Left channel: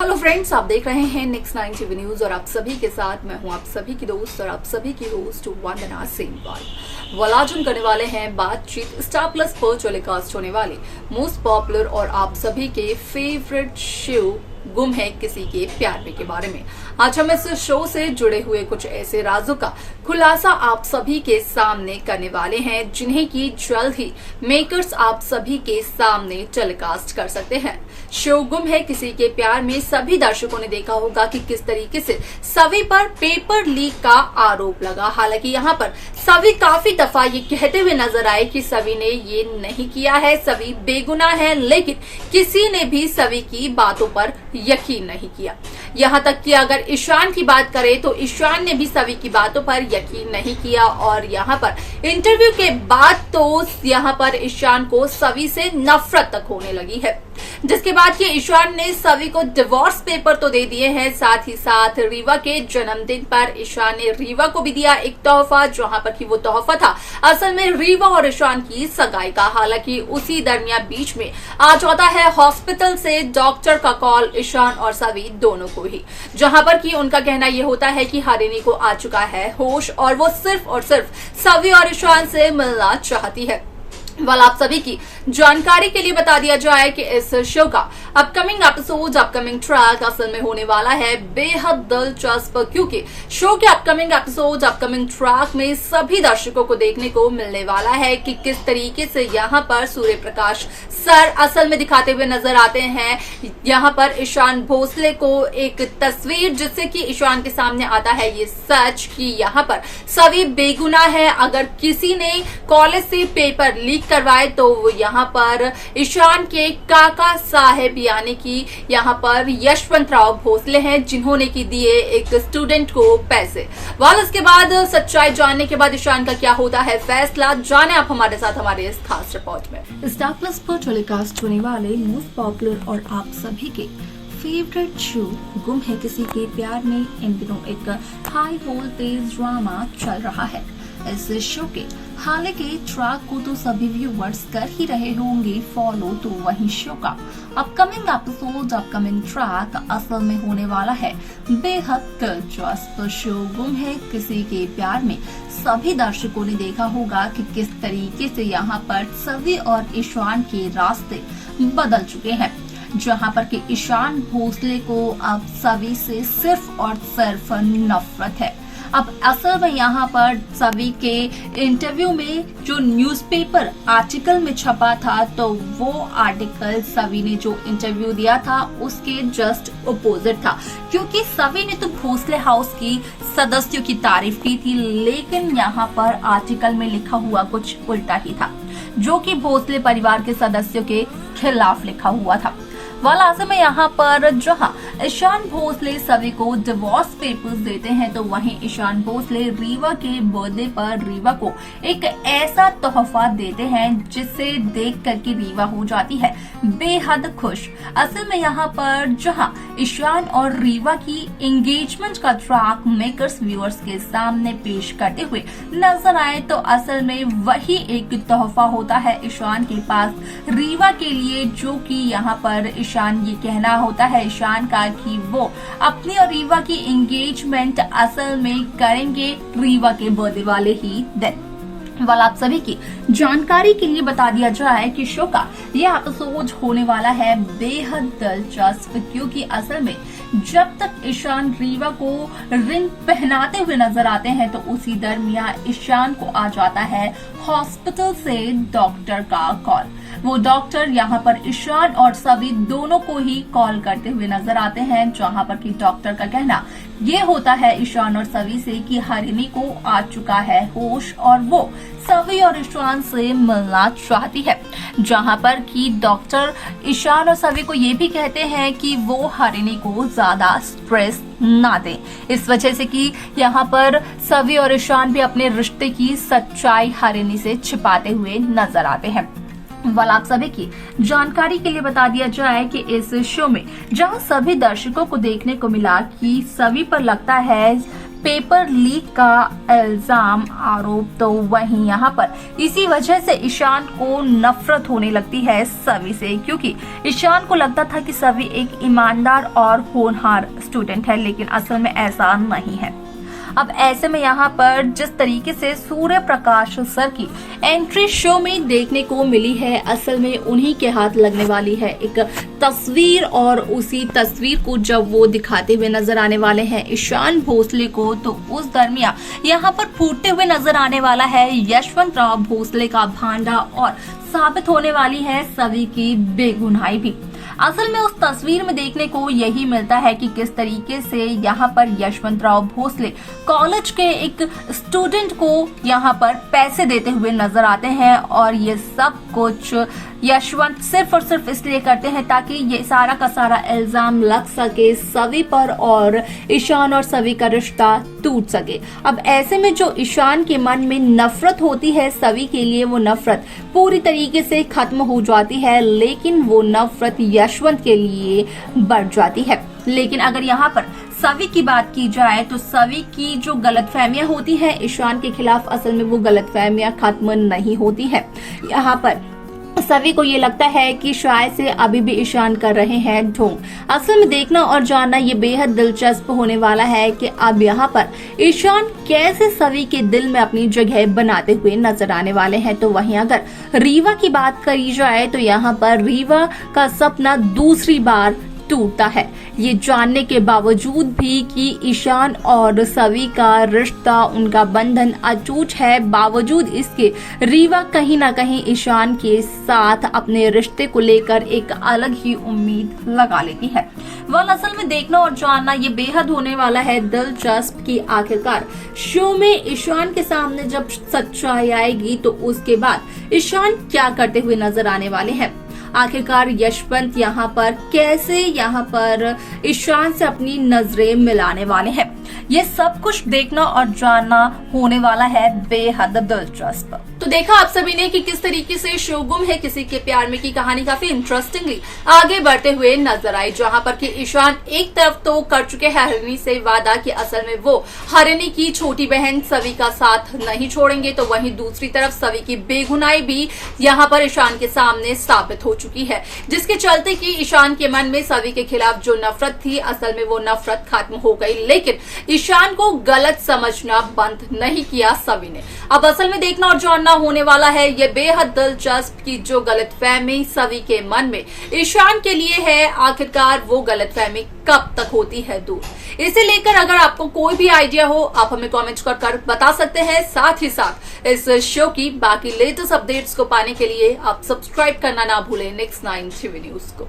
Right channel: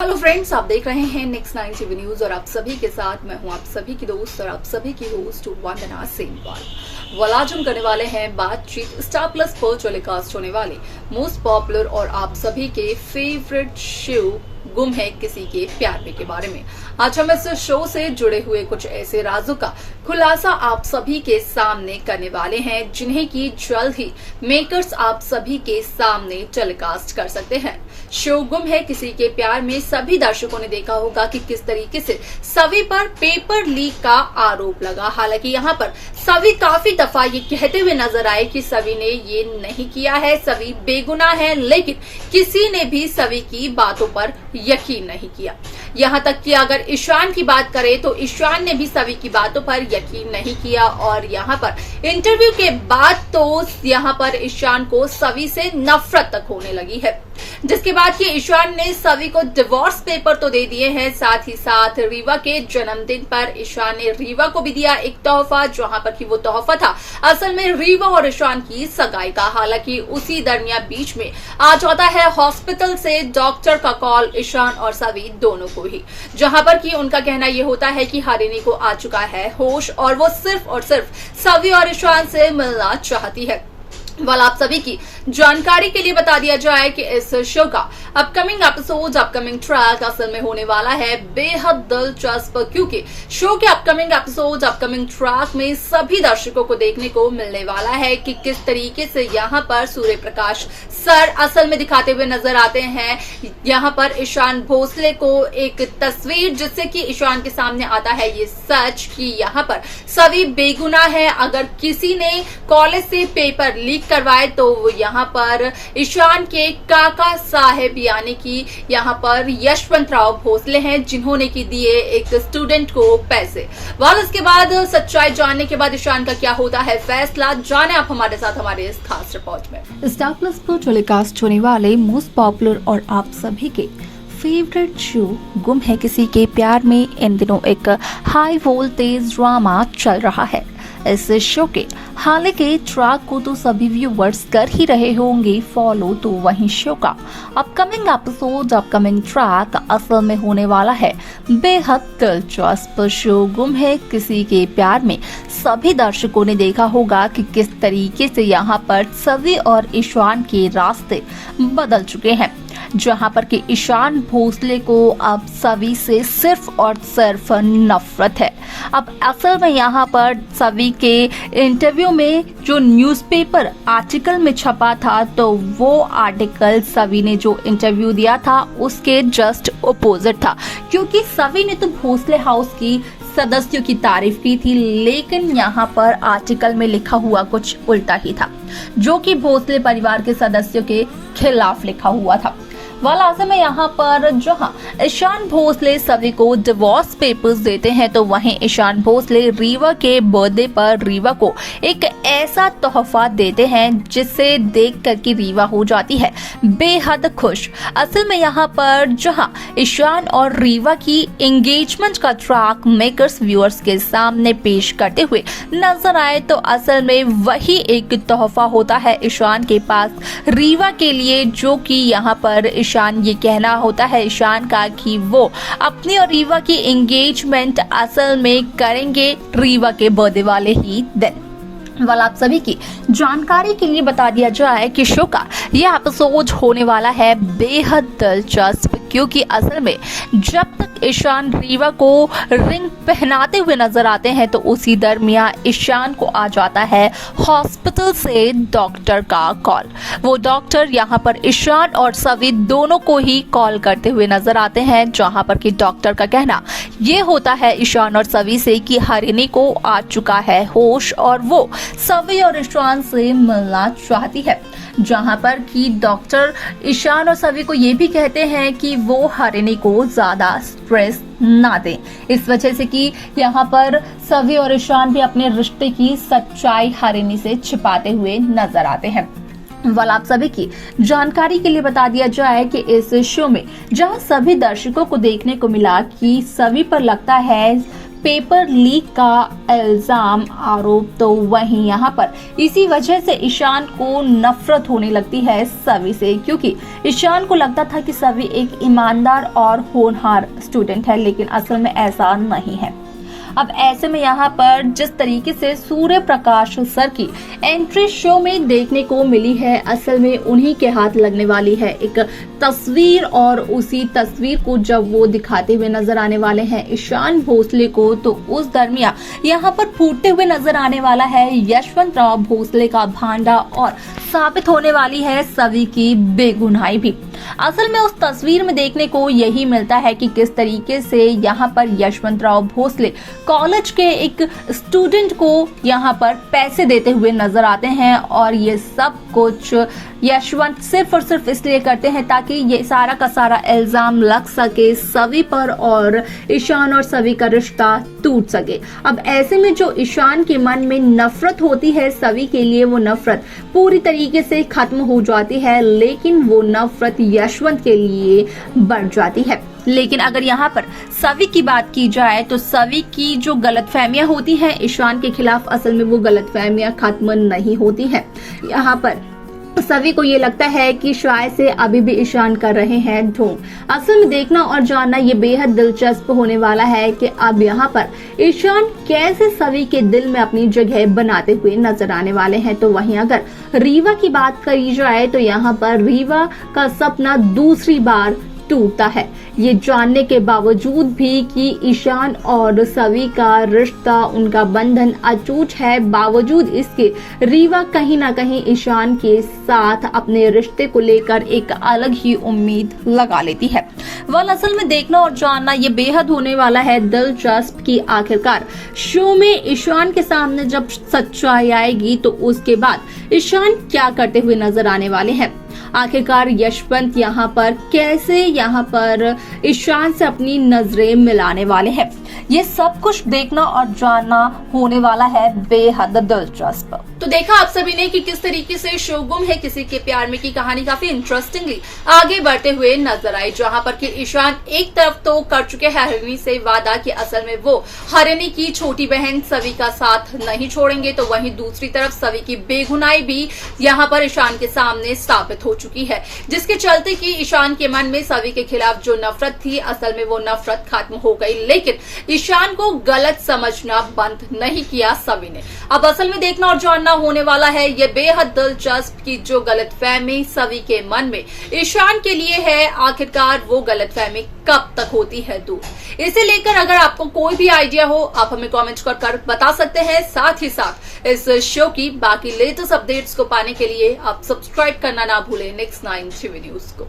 Hello friends, आप देख रहे हैं नेक्स्ट 9 टीवी न्यूज और आप सभी के साथ मैं हूं आप सभी की दोस्त और आप सभी की होस्ट वंदना सेमवाल। आज हम करने वाले हैं बातचीत स्टार प्लस पर टेलीकास्ट होने वाले मोस्ट पॉपुलर और आप सभी के फेवरेट शो गुम है किसी के प्यार में के बारे में। आज हम इस शो से जुड़े हुए कुछ ऐसे राजों का खुलासा आप सभी के सामने करने वाले हैं जिन्हें की जल्द ही मेकर्स आप सभी के सामने टेलीकास्ट कर सकते हैं। शो गुम है किसी के प्यार में सभी दर्शकों ने देखा होगा कि किस तरीके से सभी पर पेपर लीक का आरोप लगा। हालांकि यहाँ पर सभी काफी दफा ये कहते हुए नजर आए कि सभी ने ये नहीं किया है, सभी बेगुनाह है, लेकिन किसी ने भी सभी की बातों पर यकीन नहीं किया। यहाँ तक कि अगर ईशान की बात करें तो ईशान ने भी सभी की बातों पर यकीन नहीं किया और यहाँ पर इंटरव्यू के बाद तो यहाँ पर ईशान को सभी से नफरत तक होने लगी है, जिसके बाद कि ईशान ने सभी को डिवोर्स पेपर तो दे दिए हैं। साथ ही साथ रीवा के जन्मदिन पर ईशान ने रीवा को भी दिया एक तोहफा, जहां पर कि वो तोहफा था असल में रीवा और ईशान की सगाई का। हालांकि उसी दरमियान बीच में आ जाता है हॉस्पिटल से डॉक्टर का कॉल ईशान और सभी दोनों को ही, जहां पर कि उनका कहना यह होता है कि हरिणी को आ चुका है होश और वो सिर्फ और सिर्फ सभी और ईशान से मिलना चाहती है। आप सभी की जानकारी के लिए बता दिया जाए कि इस शो का अपकमिंग एपिसोड, अपकमिंग ट्रैक असल में होने वाला है बेहद दिलचस्प, क्योंकि शो के अपकमिंग एपिसोड, अपकमिंग ट्रैक में सभी दर्शकों को देखने को मिलने वाला है कि किस तरीके से यहाँ पर सूर्य प्रकाश सर असल में दिखाते हुए नजर आते हैं। यहाँ पर ईशान भोसले को एक तस्वीर जिससे कि ईशान के सामने आता है ये सच कि यहाँ पर सभी बेगुनाह है। अगर किसी ने कॉलेज से पेपर लीक करवाए तो वो यहाँ पर ईशान के काका साहेब यानी कि यहाँ पर यशवंत राव भोसले हैं, जिन्होंने की दिए एक स्टूडेंट को पैसे। इसके बाद सच्चाई जानने के बाद ईशान का क्या होता है फैसला, जाने आप हमारे साथ हमारे इस खास रिपोर्ट में। स्टार प्लस पर टेलीकास्ट होने वाले मोस्ट पॉपुलर और आप सभी के फेवरेट शो गुम है किसी के प्यार में इन दिनों एक हाई वोल्टेज ड्रामा चल रहा है। इस शो के हालांकि ट्रैक को तो सभी व्यूवर्स कर ही रहे होंगे फॉलो, तो वहीं शो का अपकमिंग एपिसोड, अपकमिंग ट्रैक असल में होने वाला है बेहद दिलचस्प। शो गुम है किसी के प्यार में सभी दर्शकों ने देखा होगा कि किस तरीके से यहाँ पर सभी और ईशान के रास्ते बदल चुके हैं, जहां पर कि ईशान भोसले को अब सभी से सिर्फ और सिर्फ नफरत है। अब असल में यहाँ पर सभी के इंटरव्यू में जो न्यूज़पेपर आर्टिकल में छपा था तो वो आर्टिकल सभी ने जो इंटरव्यू दिया था उसके जस्ट अपोजिट था, क्योंकि सभी ने तो भोसले हाउस की सदस्यों की तारीफ की थी, लेकिन यहाँ पर आर्टिकल में लिखा हुआ कुछ उल्टा ही था, जो कि भोसले परिवार के सदस्यों के खिलाफ लिखा हुआ था। ऐसे में यहाँ पर जहाँ ईशान भोसले सभी को डिवोर्स पेपर्स देते हैं तो वहीं ईशान भोसले रीवा के बर्थडे पर रीवा को एक ऐसा तोहफा देते हैं जिसे देख कर के रीवा हो जाती है बेहद खुश। असल में यहाँ पर जहाँ ईशान और रीवा की एंगेजमेंट का ट्रैक मेकर्स व्यूअर्स के सामने पेश करते हुए नजर आए तो असल में वही एक तोहफा होता है ईशान के पास रीवा के लिए, जो कि यहाँ पर ईशान ये कहना होता है ईशान का कि वो अपनी और रीवा की एंगेजमेंट असल में करेंगे रीवा के बर्थडे वाले ही दिन। आप सभी की जानकारी के लिए बता दिया जाए कि शो का ये एपिसोड होने वाला है बेहद दिलचस्प, क्योंकि असल में जब तक ईशान रीवा को रिंग पहनाते हुए नजर आते हैं तो उसी दरमियान ईशान को आ जाता है हॉस्पिटल से डॉक्टर का कॉल। वो डॉक्टर यहाँ पर ईशान और सभी दोनों को ही कॉल करते हुए नजर आते हैं, जहाँ पर कि डॉक्टर का कहना ये होता है ईशान और सभी से कि हरिणी को आ चुका है होश और वो सभी और ईशान से मिलना चाहती है, जहां पर कि डॉक्टर ईशान और सभी को ये भी कहते हैं कि वो हरिणी को ज्यादा स्ट्रेस ना दें, इस वजह से कि यहाँ पर सभी और ईशान भी अपने रिश्ते की सच्चाई हरिणी से छिपाते हुए नजर आते हैं। आप सभी की जानकारी के लिए बता दिया जाए कि इस शो में जहां सभी दर्शकों को देखने को मिला कि सभी पर लगता है पेपर लीक का इल्जाम आरोप, तो वहीं यहाँ पर इसी वजह से ईशान को नफरत होने लगती है सवी से, क्योंकि ईशान को लगता था कि सवी एक ईमानदार और होनहार स्टूडेंट है, लेकिन असल में ऐसा नहीं है। अब ऐसे में यहाँ पर जिस तरीके से सूर्य प्रकाश सर की एंट्री शो में देखने को मिली है, असल में उन्हीं के हाथ लगने वाली है एक तस्वीर, और उसी तस्वीर को जब वो दिखाते हुए नजर आने वाले हैं ईशान भोसले को, तो उस दरमियान यहाँ पर फूटते हुए नजर आने वाला है यशवंत राव भोसले का भांडा, और साबित होने वाली है सभी की बेगुनाही भी। असल में उस तस्वीर में देखने को यही मिलता है कि किस तरीके से यहाँ पर यशवंत राव भोसले कॉलेज के एक स्टूडेंट को यहाँ पर पैसे देते हुए नजर आते हैं, और ये सब कुछ यशवंत सिर्फ और सिर्फ इसलिए करते हैं ताकि ये सारा का सारा इल्जाम लग सके सवी पर और ईशान और सवी का रिश्ता टूट सके। अब ऐसे में जो ईशान के मन में नफरत होती है सवी के लिए, वो नफरत पूरी तरीके से खत्म हो जाती है, लेकिन वो नफरत यशवंत के लिए बढ़ जाती है। लेकिन अगर यहाँ पर सवी की बात की जाए तो सवी की जो गलतफहमियां होती हैं ईशान के खिलाफ, असल में वो गलतफहमियां खत्म नहीं होती है। यहाँ पर सभी को ये लगता है कि शायद से अभी भी ईशान कर रहे हैं ढोंग। असल में देखना और जानना ये बेहद दिलचस्प होने वाला है कि अब यहाँ पर ईशान कैसे सभी के दिल में अपनी जगह बनाते हुए नजर आने वाले हैं। तो वहीं अगर रीवा की बात करी जाए तो यहाँ पर रीवा का सपना दूसरी बार टूटता है, ये जानने के बावजूद भी कि ईशान और सवी का रिश्ता, उनका बंधन अटूट है, बावजूद इसके रीवा कहीं ना कहीं ईशान के साथ अपने रिश्ते को लेकर एक अलग ही उम्मीद लगा लेती है। असल में देखना और जानना ये बेहद होने वाला है दिलचस्प कि आखिरकार शो में ईशान के सामने जब सच्चाई आएगी तो उसके बाद ईशान क्या करते हुए नजर आने वाले हैं। आखिरकार यशवंत यहाँ पर कैसे यहाँ पर ईशान से अपनी नजरें मिलाने वाले हैं, ये सब कुछ देखना और जानना होने वाला है बेहद दिलचस्प। तो देखा आप सभी ने कि किस तरीके से शो गुम है किसी के प्यार में की कहानी काफी इंटरेस्टिंगली आगे बढ़ते हुए नजर आई, जहां पर कि ईशान एक तरफ तो कर चुके हैं हरिणी से वादा कि असल में वो हरिणी की छोटी बहन सवी का साथ नहीं छोड़ेंगे, तो वहीं दूसरी तरफ सवी की बेगुनाही भी यहां पर ईशान के सामने साबित हो चुकी है, जिसके चलते कि ईशान के मन में सवी के खिलाफ जो नफरत थी असल में वो नफरत खत्म हो गई, लेकिन ईशान को गलत समझना बंद नहीं किया सवी ने। अब असल में देखना और जानना होने वाला है ये बेहद दिलचस्प कि जो गलतफहमी सवी के मन में ईशान के लिए है, आखिरकार वो गलतफहमी कब तक होती है दूर। इसे लेकर अगर आपको कोई भी आइडिया हो आप हमें कमेंट कर बता सकते हैं। साथ ही साथ इस शो की बाकी लेटेस्ट अपडेट्स को पाने के लिए आप सब्सक्राइब करना ना भूलें नेक्स्ट 9 टीवी न्यूज को।